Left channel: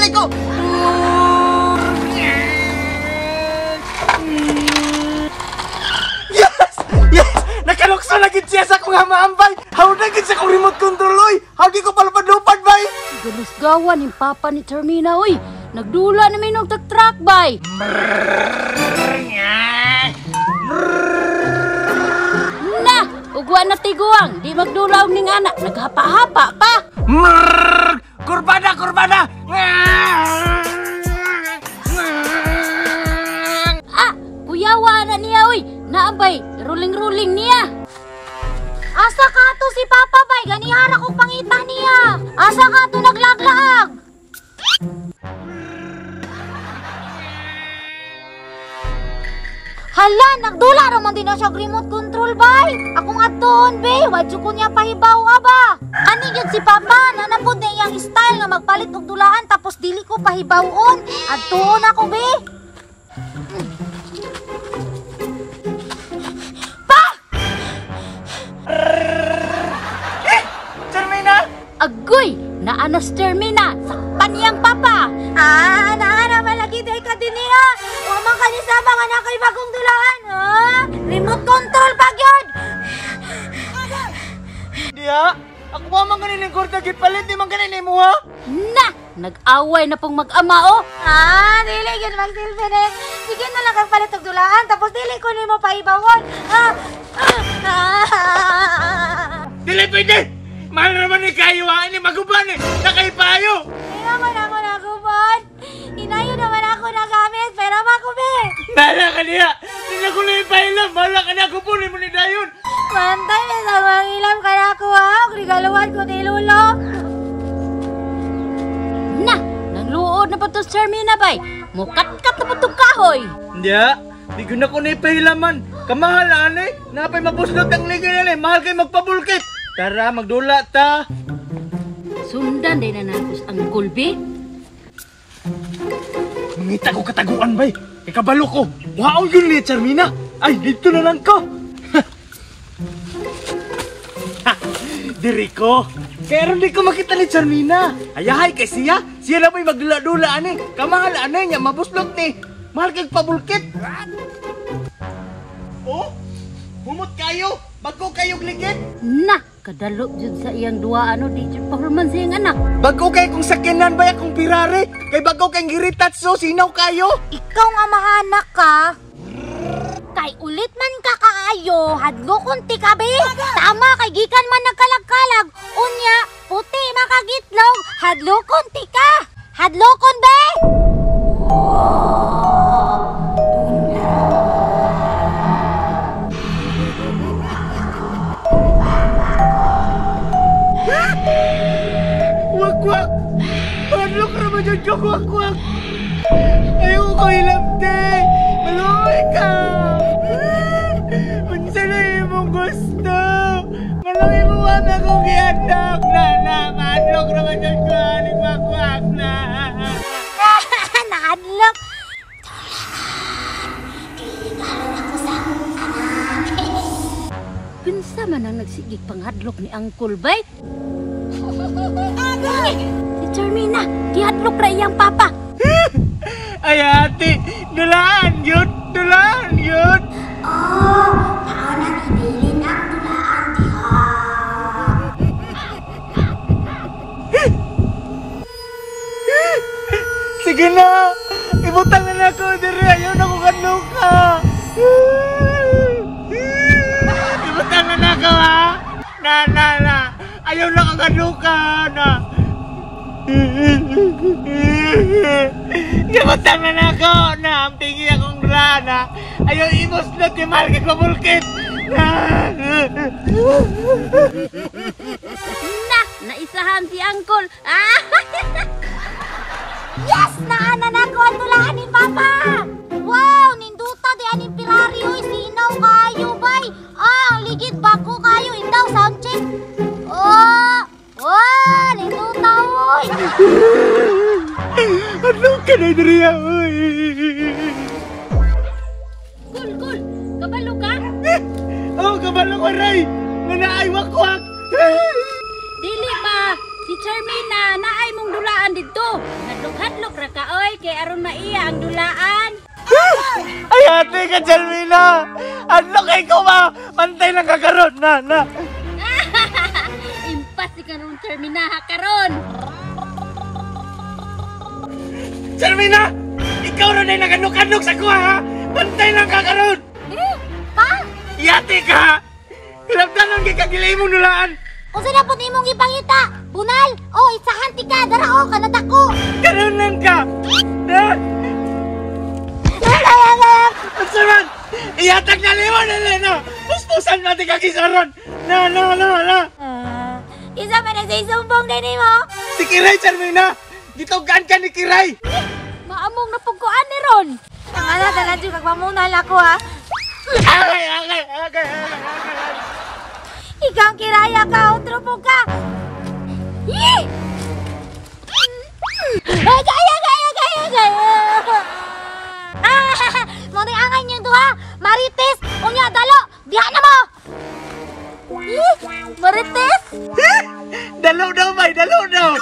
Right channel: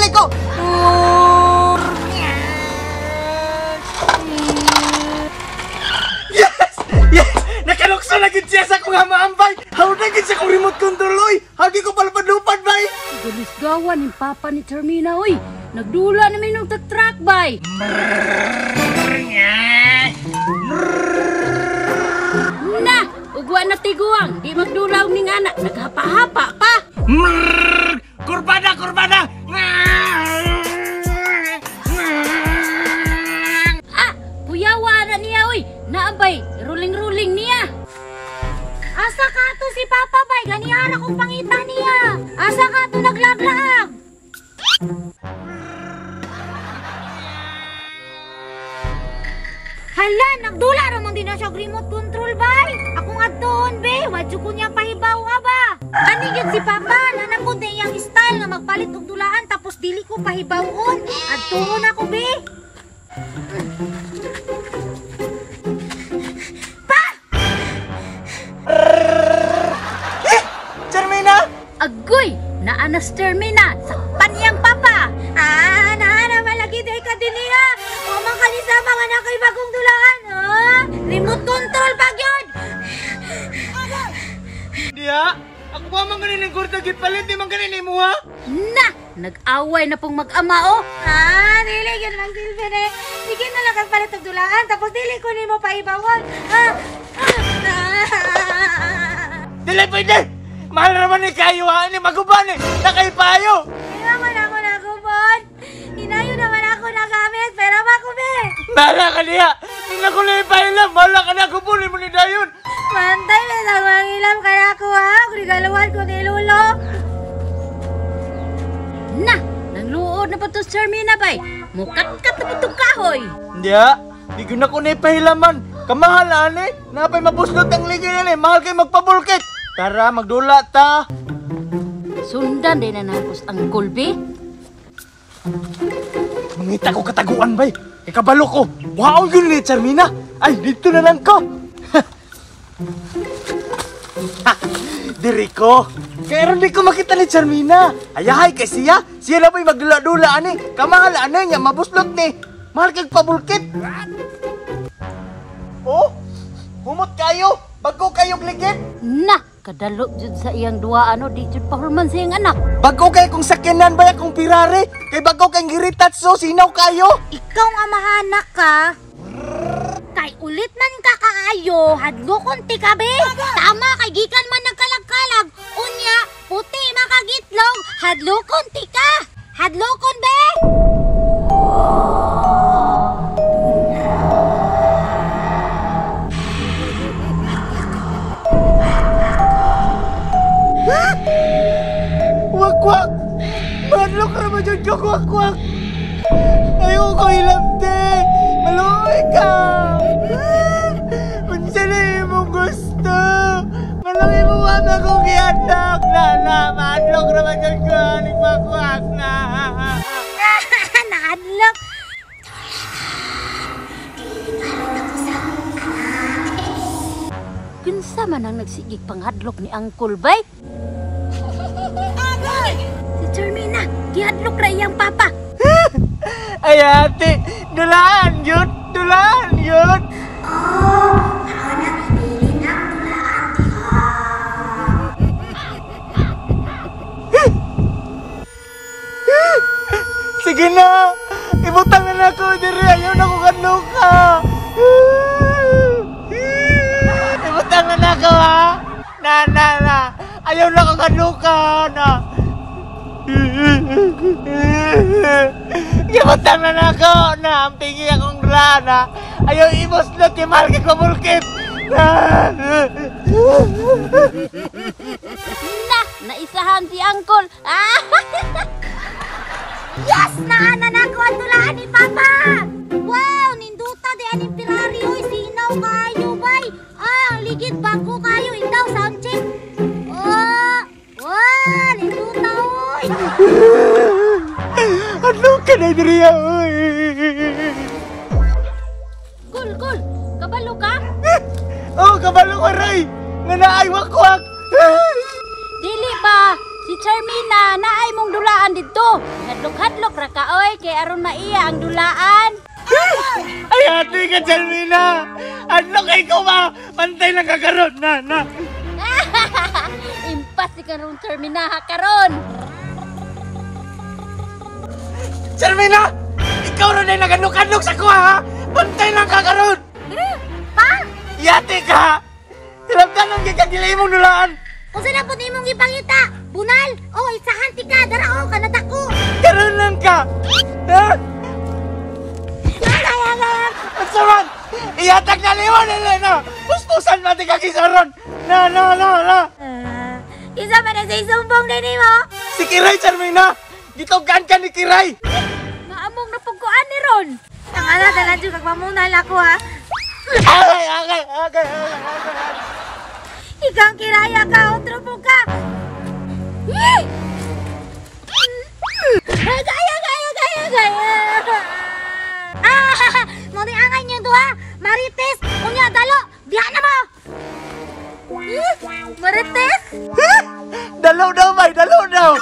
Liko! Yes! Yes! Nakalukso na gid siya sa akong maambay. How na gid sa akong remote control, oy. Hagi ko palapad-lupad, bay. Galis gawan yung papa ni Termina, oy. Nagdula na may nagtatrack, bay. Na! Ugwa na tiguang. Di magdulaw ning anak. Naghapa-hapa pa. Kurbada! Kurbada! Ah! Puyawa na niya, oy. Naabay. Ruling-ruling niya. Asa ka to si Papa bay, ganihara kong pangita niya. Asa ka to naglaglaag. Hala, nagdula ramon din na siya remote control bay. Akong adtoon be, wadyo ko niya pahibaw nga ba. Ani gyud si Papa, nanapod na iyang style nga magpalit og dulaan tapos dili ko pahibawon. Adtoon ako be. Agoy! Naanas Termina sa paniyang papa! Ah, naana malagi dahil ka din niya! Wamang kanisama nga na kay bagong dulaan, ha? Remote control pag yun! Diya, ako ba mang ganin kurta git palit di mang ganin mo ha? Na! Nag-away na pong mag-ama, oh! Ah, dili yun magsilbi na. Sige na lang kagpalit og dulaan, tapos dili ko ni mo paibawon. Dili pwede! Mahal naman ni kayo ha, ini maguban eh, nakaipayo! Hindi naman ako nagubon. Hinayo naman ako nagamit, pero makubi. Bahala ka niya! Hindi ko na ipailam, bahala ka na kupunin mo ni Dayon! Mantay na sa mga ilam ka na ako ha, regaluhan ko kay Lolo. Na! Nanluod na pa to Termina, bay! Mukat-kat na pa itong kahoy! Hindi ha, di ko na ko na ipahilaman. Kamahalaan eh, napay mapuslot ang ligay na eh, mahal kayo magpabulkit! Tara, magdula ta! Sundan din na nangkus ang kulbi. Mangita ko kataguan bay! Ikabalo ko! Wow, yun ni Termina! Ay, dito na lang ko! Diri ko! Kaya rin di ko makita ni Termina! Ayahay kay siya! Siya na ba'y magdula-dula ani! Kamahalaan niya, mabuslot ni! Mahal kayo pabulkit! Oh! Humot kayo! Bago kayong ligid! Na! Kadalo jud sa iyang duwa ano di jud pahulman sa iyang anak. Bago kay kung sakyanan ba akong Ferrari? Kay bago kay giritatso, sinaw kayo? Ikaw nga mahanak ka. Kay ulit man ka kaayo, hadlo kunti ka be. Tama kay gikan man nagkalag-kalag. Unya, puti makagitlog, hadlo kunti ka. Hadlo kon be. Wak-wak! Madlok na ba dyan ka, wak-wak? Ayaw ko ilabte! Maluhay ka! Unsa na imong gusto? Maluhay mo ba na kong gianak? Na, madlok na ba dyan ka? Wak-wak na! Nakadlok. Kinsa man ang nagsigig panghadlok ni Uncle Bay? Si Termina, gihadlok ra iyang papa. Ay ate, dulaan yun! Dulaan yun! Oh, na dili na dulaan Sige na! Ibutang na ako diri! Ayaw na ko kanuka! Ibutang na ako ha! Na! Ayaw na ko kanuka na! Ibutang na ako na! Ang tingi akong rana! Ayaw imuslot kay mahal kay kumulkit! Na! Naisahan si Uncle! Yes! Naanan ako ang tulaan ni Papa! Wow! Ninduta di aning Ferrari oy! Sinaw kayo bay! Ang ligid bago kayo! Indaw sound check! Oh! Wow! Ninduta oy! Ano ka na diriya oy? Kul! Kabalo ka? kabalo ko, Ray. Nga naay wakwak. Dili ba? Si Charmina, naay mong dulaan dito. Hadlok-hadlok ra ka, oy. Kay aron maiya ang dulaan. Ay, ate ka, Charmina. Ano kay ko ba? Pantay lang kakaroon. Na. Impas si karon Charmina, ha, karon. Charmina! Ikaw rin ay naganok-anok sa kuha, ha? Pantay lang kakaroon. Pa? Yate ka! Kalabdanan kay kagilay mong nulaan. Kung sila po imong ipangita, bunal, o isahan ti ka, dara o, kanadako. Karoon lang ka. Eh? Masaman! Iyatag na liwan na na! Puspusan natin kakisaron! Na! Isa man na sa isumbong na ni mo. Si Kiray, Charmina! Gitogaan ka ni Kiray! Maamong napagkuan ni Ron. Ang ala, dala dyan, magmamunal ako ha. Agay! Ikaw ang kiraya ka, otro po ka. Yee! Gaya! Muna angay niyo duha. Marites, unya dalo. Diha na mo. Marites? Dalaw daw, may! Dalaw daw!